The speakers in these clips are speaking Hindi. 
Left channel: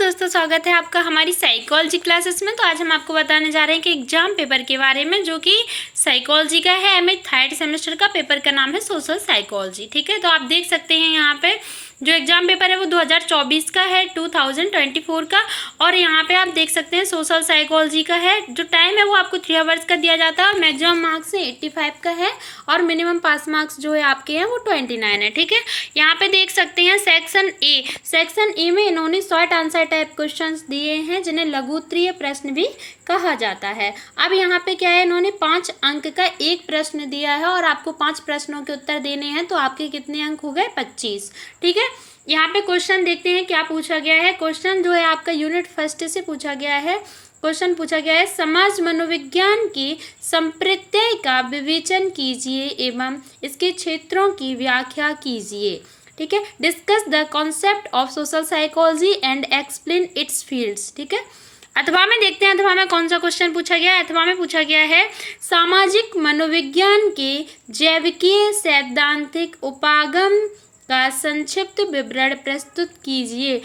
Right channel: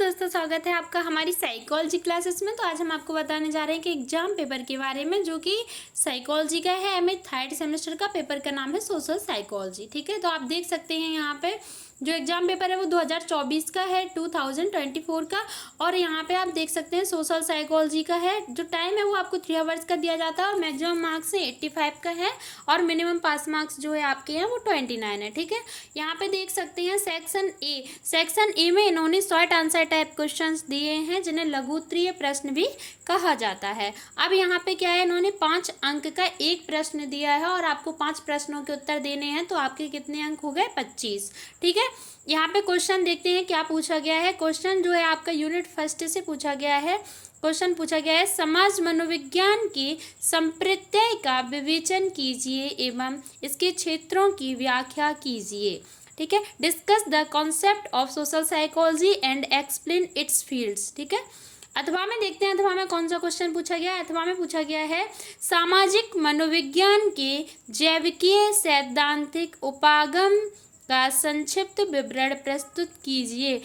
दोस्तों, स्वागत है आपका हमारी साइकोलॉजी क्लासेस में। तो आज हम आपको बताने जा रहे हैं कि एग्जाम पेपर के बारे में, जो कि साइकोलॉजी का है। एमए थर्ड सेमेस्टर का पेपर का नाम है सोशल साइकोलॉजी। ठीक है, तो आप देख सकते हैं यहाँ पे जो एग्जाम पेपर है वो 2024 का है, 2024 का। और यहाँ पे आप देख सकते हैं सोशल साइकोलॉजी का है। जो टाइम है वो आपको 3 आवर्स का दिया जाता है और मैक्सिमम मार्क्स है 85 का है और मिनिमम पास मार्क्स जो है आपके हैं वो 29 है। ठीक है, यहाँ पे देख सकते हैं सेक्शन ए में इन्होंने शॉर्ट आंसर टाइप क्वेश्चंस दिए हैं, जिन्हें लघु उत्तरीय प्रश्न भी कहा जाता है। अब यहाँ पे क्या है, इन्होंने 5 अंक का एक प्रश्न दिया है और आपको 5 प्रश्नों के उत्तर देने हैं। तो आपके कितने अंक हो गए? 25। ठीक है, यहाँ पे क्वेश्चन देखते हैं क्या पूछा गया है। क्वेश्चन जो है आपका यूनिट फर्स्ट से पूछा गया है। क्वेश्चन पूछा गया है, समाज मनोविज्ञान के संप्रत्यय का विवेचन कीजिए एवं इसके क्षेत्रों की व्याख्या कीजिए। ठीक है, discuss the concept of social psychology and explain it's fields. ठीक है, अथवा में देखते हैं अथवा में कौन सा क्वेश्चन पूछा गया है। अथवा में पूछा गया है, सामाजिक मनोविज्ञान के जैविकीय सैद्धांतिक उपागम का संक्षिप्त विवरण प्रस्तुत कीजिए।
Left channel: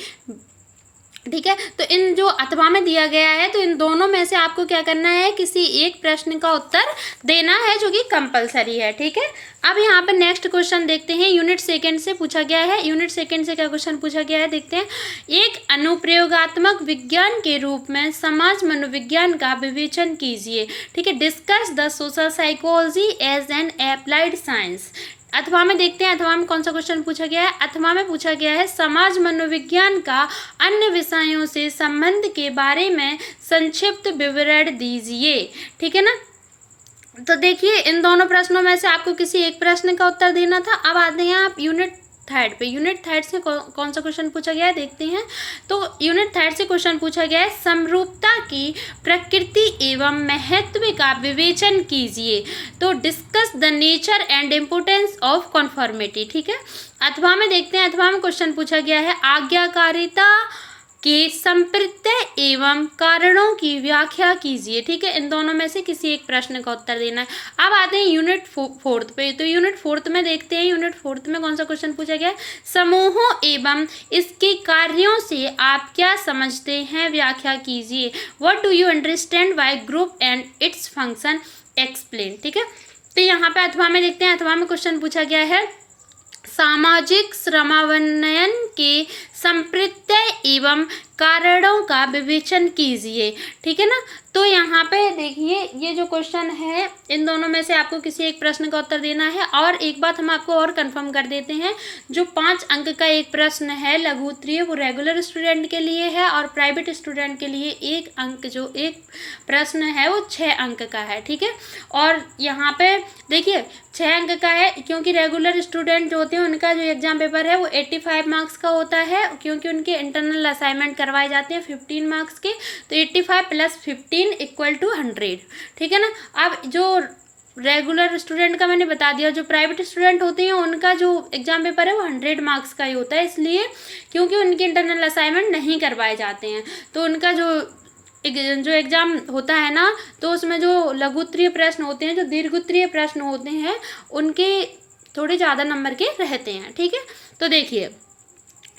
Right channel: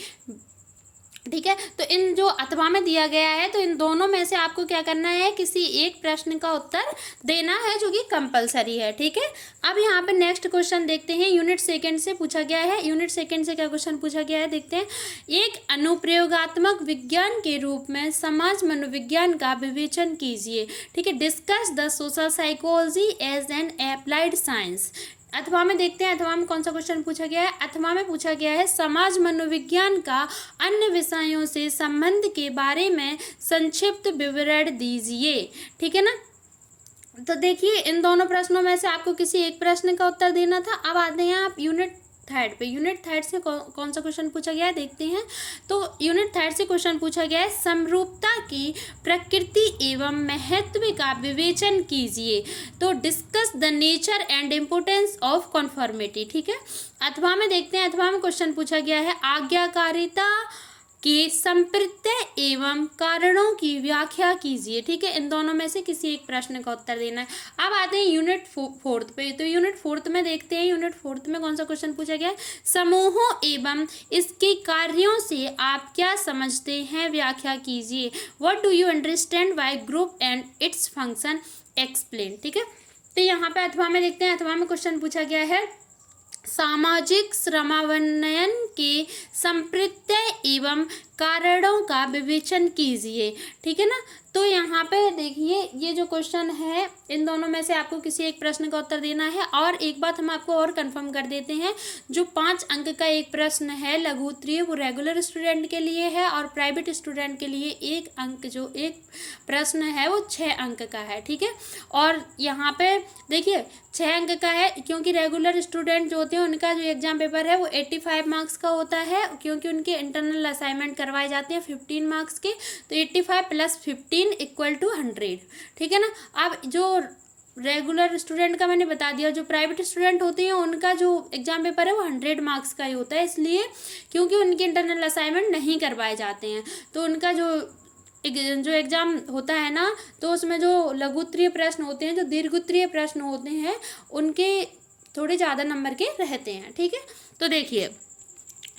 ठीक है, तो इन जो अथवा में दिया गया है, तो इन दोनों में से आपको क्या करना है, किसी एक प्रश्न का उत्तर देना है, जो कि कंपलसरी है। ठीक है, अब यहाँ पर नेक्स्ट क्वेश्चन देखते हैं। यूनिट सेकंड से पूछा गया है। यूनिट सेकंड से क्या क्वेश्चन पूछा गया है देखते हैं। एक अनुप्रयोगात्मक विज्ञान के रूप में समाज मनोविज्ञान का विवेचन कीजिए। ठीक है, discuss the social psychology as an applied science. अथवा में देखते हैं अथवा में कौन सा क्वेश्चन पूछा गया है। अथवा में पूछा गया है, समाज मनोविज्ञान का अन्य विषयों से संबंध के बारे में संक्षिप्त विवरण दीजिए। ठीक है ना, तो देखिए इन दोनों प्रश्नों में से आपको किसी एक प्रश्न का उत्तर देना था। अब आते हैं आप यूनिट थर्ड पे। यूनिट थर्ड से कौन सा क्वेश्चन पूछा गया है देखते हैं। तो यूनिट थर्ड से क्वेश्चन पूछा गया है, समरूपता की प्रकृति एवं महत्व का विवेचन कीजिए। तो discuss the nature and importance of conformity. ठीक है, अथवा में देखते हैं अथवा में क्वेश्चन पूछा गया है, आज्ञाकारिता के संप्रत्यय एवं कारणों की व्याख्या कीजिए। ठीक है, इन दोनों में से किसी एक प्रश्न का उत्तर देना है। अब आते हैं यूनिट फोर्थ पे। तो यूनिट फोर्थ में देखते हैं, यूनिट फोर्थ में कौन सा क्वेश्चन पूछा गया है, समूहों एवं इसके कार्यों से आप क्या समझते हैं, व्याख्या कीजिए। What do you understand by group and its function, explain. ठीक है, तो यहाँ पे अथवा में देखते हैं अथवा में क्वेश्चन पूछा गया है, सामाजिक श्रमावनयन के संप्रत्यय एवं कारणों का विवेचन कीजिए। ठीक है ना, तो यहाँ पे देखिए ये जो क्वेश्चन है, इन दोनों में से आपको किसी एक प्रश्न का उत्तर देना है। और एक बात हम आपको और कंफर्म कर देते हैं, जो 5 अंक का एक प्रश्न है लघु उत्तरीय, वो रेगुलर स्टूडेंट के लिए है और प्राइवेट स्टूडेंट के लिए 1 अंक जो एक प्रश्न है वो 6 अंक का है। ठीक है, और यहाँ पे देखिए 6 अंक का है, क्योंकि रेगुलर स्टूडेंट जो होते हैं उनका जो एग्जाम पेपर है वो 85 मार्क्स का होता है, क्योंकि उनके इंटरनल असाइनमेंट करवाए जाते हैं 15 मार्क्स के। तो 85 + 15 = 100। ठीक है ना, अब जो रेगुलर स्टूडेंट का मैंने बता दिया, जो प्राइवेट स्टूडेंट होते हैं उनका जो एग्जाम पेपर है वो 100 मार्क्स का ही होता है, इसलिए क्योंकि उनके इंटरनल असाइनमेंट नहीं करवाए जाते हैं। तो उनका जो एग्ज़ाम होता है ना, तो उसमें जो लघु उत्तरीय प्रश्न होते हैं, जो दीर्घ उत्तरीय प्रश्न होते हैं, उनके थोड़े ज़्यादा नंबर के रहते हैं। ठीक है, तो देखिए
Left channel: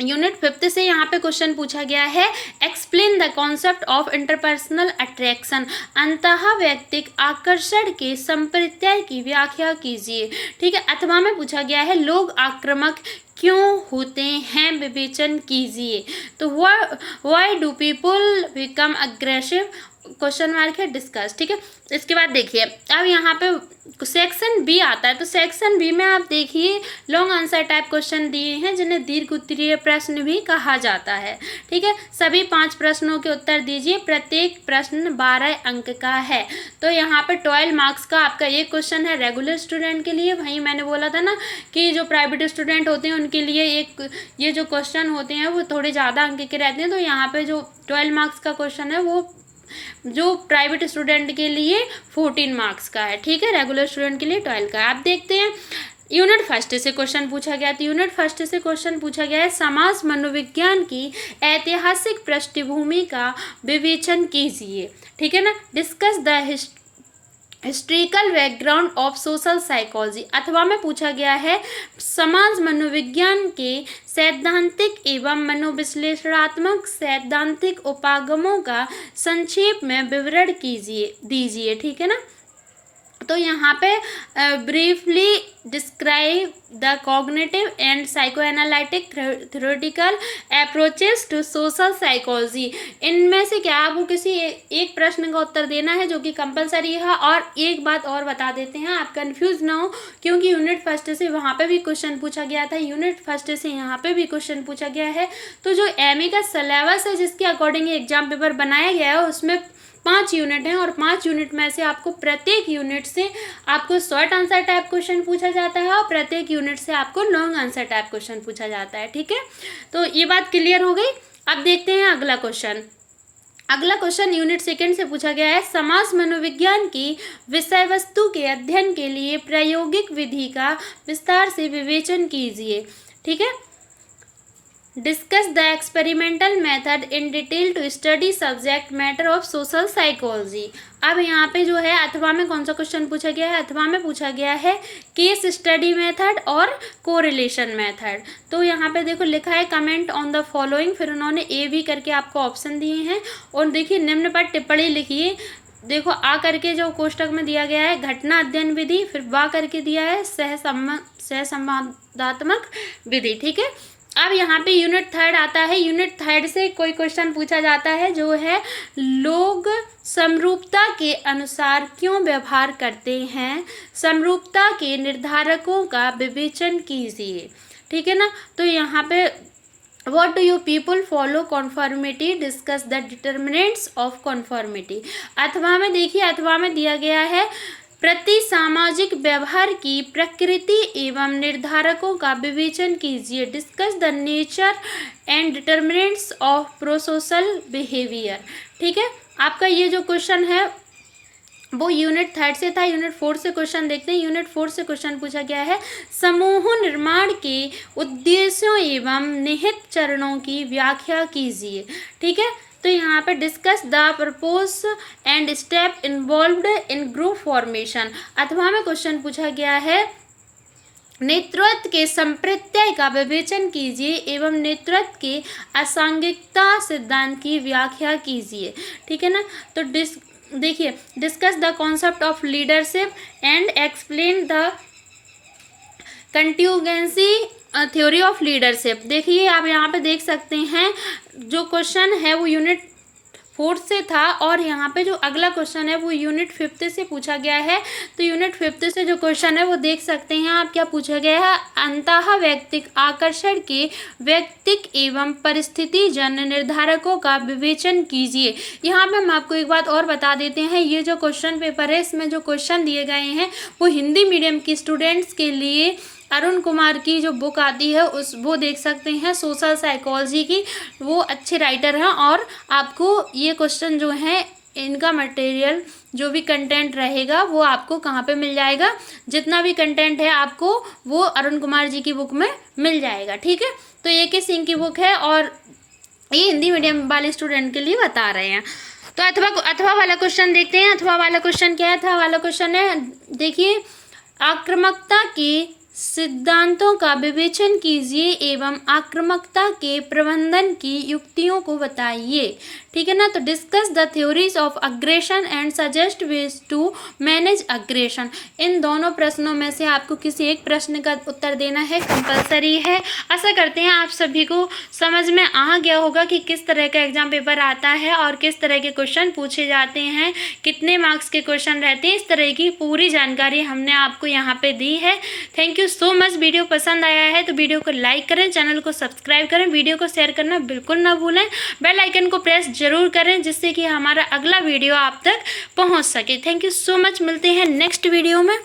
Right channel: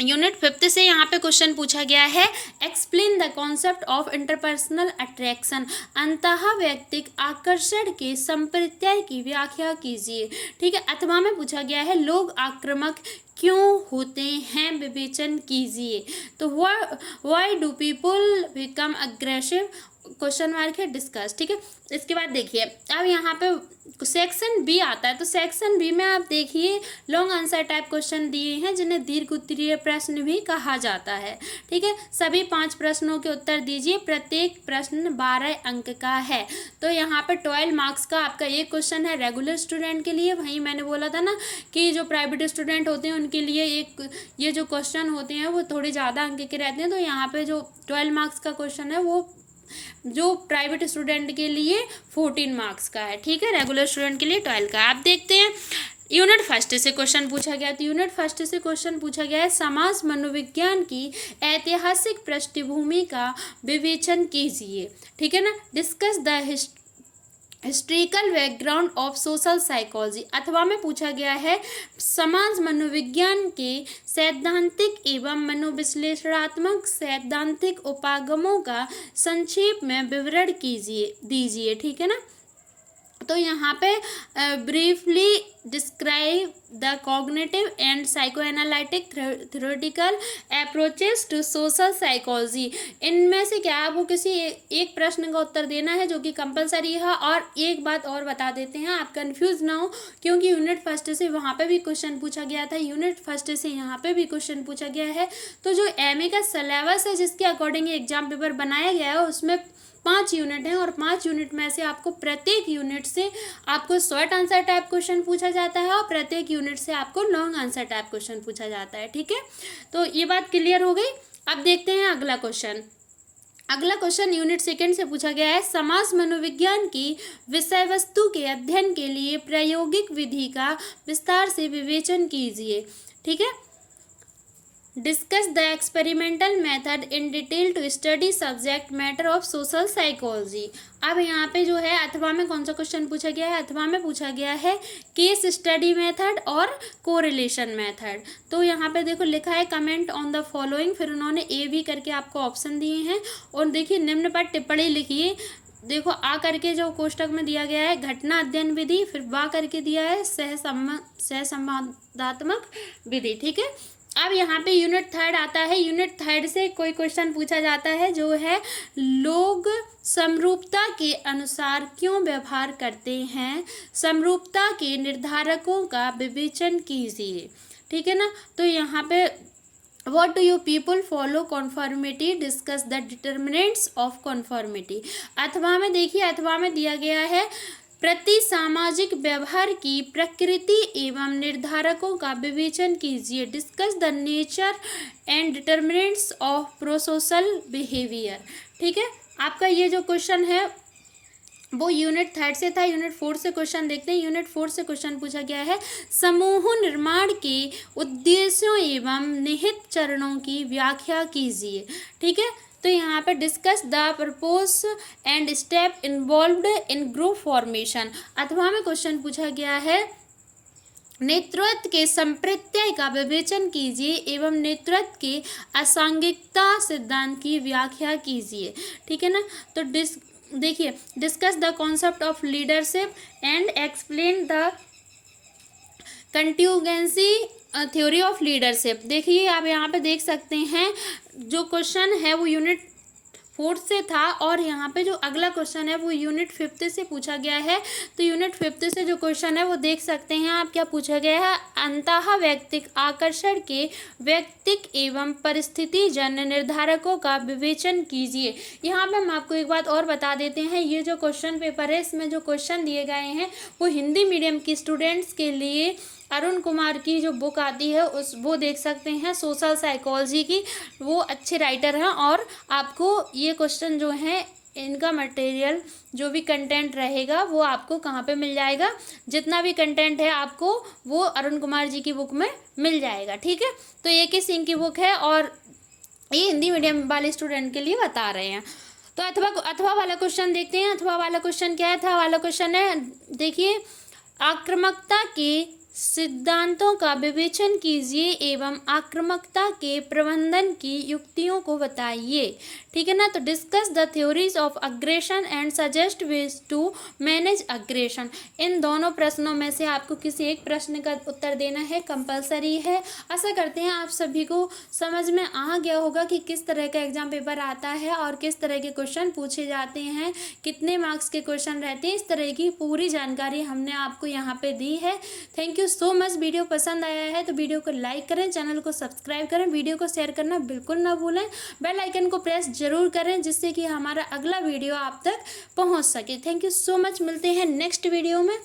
यूनिट 5 से यहाँ पे क्वेश्चन पूछा गया है, explain the concept of interpersonal attraction, अंतः व्यक्तिक आकर्षण के संप्रत्यय की व्याख्या कीजिए। ठीक है, अथवा में पूछा गया है, लोग आक्रामक क्यों होते हैं, विवेचन कीजिए। तो why do people become aggressive, question mark है, डिस्कस। ठीक है, इसके बाद देखिए अब यहाँ पे सेक्शन बी आता है। तो सेक्शन बी में आप देखिए लॉन्ग आंसर टाइप क्वेश्चन दिए हैं, जिन्हें दीर्घ उत्तरीय प्रश्न भी कहा जाता है। ठीक है, सभी 5 प्रश्नों के उत्तर दीजिए, प्रत्येक प्रश्न 12 अंक का है। तो यहाँ पर 12 मार्क्स का आपका एक क्वेश्चन है रेगुलर स्टूडेंट के लिए। वहीं मैंने बोला था ना कि जो प्राइवेट स्टूडेंट होते हैं उनके लिए ये जो क्वेश्चन होते हैं वो थोड़े ज़्यादा अंक के रहते हैं। तो यहाँ पर जो 12 मार्क्स का क्वेश्चन है वो जो प्राइवेट स्टूडेंट के लिए 14 मार्क्स का है। ठीक है, रेगुलर स्टूडेंट के लिए 12 का है। आप देखते हैं यूनिट फर्स्ट से क्वेश्चन पूछा गया। तो यूनिट फर्स्ट से क्वेश्चन पूछा गया है, समाज मनोविज्ञान की ऐतिहासिक पृष्ठभूमि का विवेचन कीजिए। ठीक है ना, discuss the historical background of social psychology, अथवा में पूछा गया है समाज मनोविज्ञान के सैद्धांतिक एवं मनोविश्लेषणात्मक सैद्धांतिक उपागमों का संक्षेप में विवरण दीजिए। ठीक है ना। तो यहाँ पे briefly describe the cognitive and psychoanalytic theoretical approaches to social psychology. इनमें से क्या आपको किसी एक प्रश्न का उत्तर देना है जो कि कंपलसरी है। और एक बात और बता देते हैं, आप कंफ्यूज ना हो, क्योंकि यूनिट फर्स्ट से वहाँ पे भी क्वेश्चन पूछा गया था, यूनिट फर्स्ट से यहाँ पे भी क्वेश्चन पूछा गया है। तो जो एमए का सिलेबस है जिसके अकॉर्डिंग एग्जाम पेपर बनाया गया है उसमें 5 यूनिट हैं, और 5 यूनिट में से आपको प्रत्येक यूनिट से आपको शॉर्ट आंसर टाइप क्वेश्चन पूछा जाता है और प्रत्येक यूनिट से आपको लॉन्ग आंसर टाइप क्वेश्चन पूछा जाता है। ठीक है, तो ये बात क्लियर हो गई। अब देखते हैं अगला क्वेश्चन। अगला क्वेश्चन यूनिट सेकंड से पूछा गया है, समाज मनोविज्ञान की विषय वस्तु के अध्ययन के लिए प्रायोगिक विधि का विस्तार से विवेचन कीजिए। ठीक है, discuss the experimental method in detail to study subject matter of social psychology. अब यहाँ पे जो है अथवा में कौन सा क्वेश्चन पूछा गया है, अथवा में पूछा गया है केस स्टडी मेथड और कोरिलेशन मेथड। तो यहाँ पे देखो लिखा है कमेंट ऑन द फॉलोइंग, फिर उन्होंने ए बी करके आपको ऑप्शन दिए हैं, और देखिए निम्न पर टिप्पणी लिखिए। देखो आ करके जो कोष्टक में दिया गया है घटना अध्ययन विधि, फिर बा करके दिया है सहसंवादात्मक विधि। ठीक है, अब यहाँ पे यूनिट थर्ड आता है। यूनिट थर्ड से कोई क्वेश्चन पूछा जाता है जो है लोग समरूपता के अनुसार क्यों व्यवहार करते हैं, समरूपता के निर्धारकों का विवेचन कीजिए। ठीक है ना। तो यहाँ पे What do you people follow conformity? Discuss the determinants of conformity। अथवा में देखिए, अथवा में दिया गया है प्रति सामाजिक व्यवहार की प्रकृति एवं निर्धारकों का विवेचन कीजिए। Discuss the nature and determinants of prosocial behaviour. ठीक है, आपका ये जो क्वेश्चन है वो यूनिट थर्ड से था। यूनिट फोर्थ से क्वेश्चन देखते हैं। यूनिट फोर्थ से क्वेश्चन पूछा गया है समूह निर्माण के उद्देश्यों एवं निहित चरणों की व्याख्या कीजिए। ठीक है, तो यहाँ पे discuss the purpose and step involved in group formation. अथवा में क्वेश्चन पूछा गया है नेतृत्व के संप्रत्यय का विवेचन कीजिए एवं नेतृत्व के असांगिकता सिद्धांत की व्याख्या कीजिए। ठीक है ना। तो देखिए discuss the concept of leadership and explain the contingency theory of leadership. देखिए आप यहाँ पे देख सकते हैं जो क्वेश्चन है वो यूनिट फोर्थ से था, और यहाँ पे जो अगला क्वेश्चन है वो यूनिट फिफ्थ से पूछा गया है। तो यूनिट फिफ्थ से जो क्वेश्चन है वो देख सकते हैं आप, क्या पूछा गया है अंतः व्यक्तिक आकर्षण के व्यक्तिक एवं परिस्थिति जन्य निर्धारकों का विवेचन कीजिए। यहाँ पे हम आपको एक बात और बता देते हैं, ये जो क्वेश्चन पेपर है इसमें जो क्वेश्चन दिए गए हैं वो हिंदी मीडियम के स्टूडेंट्स के लिए अरुण कुमार की जो बुक आती है वो देख सकते हैं सोशल साइकोलॉजी की, वो अच्छे राइटर हैं। और आपको ये क्वेश्चन जो है इनका मटेरियल जो भी कंटेंट रहेगा वो आपको कहाँ पे मिल जाएगा, जितना भी कंटेंट है आपको वो अरुण कुमार जी की बुक में मिल जाएगा। ठीक है, तो ये के सिंह की बुक है और ये हिंदी मीडियम वाले स्टूडेंट के लिए बता रहे हैं। तो अथवा वाला क्वेश्चन देखते हैं। अथवा वाला क्वेश्चन क्या है? अथवा वाला क्वेश्चन है देखिए आक्रामकता के सिद्धांतों का विवेचन कीजिए एवं आक्रामकता के प्रबंधन की युक्तियों को बताइए। ठीक है ना। तो discuss the theories of aggression and suggest ways to manage aggression. इन दोनों प्रश्नों में से आपको किसी एक प्रश्न का उत्तर देना है, कंपलसरी है। आशा करते हैं आप सभी को समझ में आ गया होगा कि किस तरह का एग्जाम पेपर आता है और किस तरह के क्वेश्चन पूछे जाते हैं, कितने मार्क्स के क्वेश्चन रहते हैं। इस तरह की पूरी जानकारी हमने आपको यहाँ पे दी है। Thank you so much. Video पसंद आया है तो वीडियो को लाइक करें, चैनल को सब्सक्राइब करें, वीडियो को शेयर करना बिल्कुल ना भूलें, बेल आइकन को प्रेस जरूर करें जिससे कि हमारा अगला वीडियो आप तक पहुंच सके। Thank you so much. मिलते हैं नेक्स्ट वीडियो में।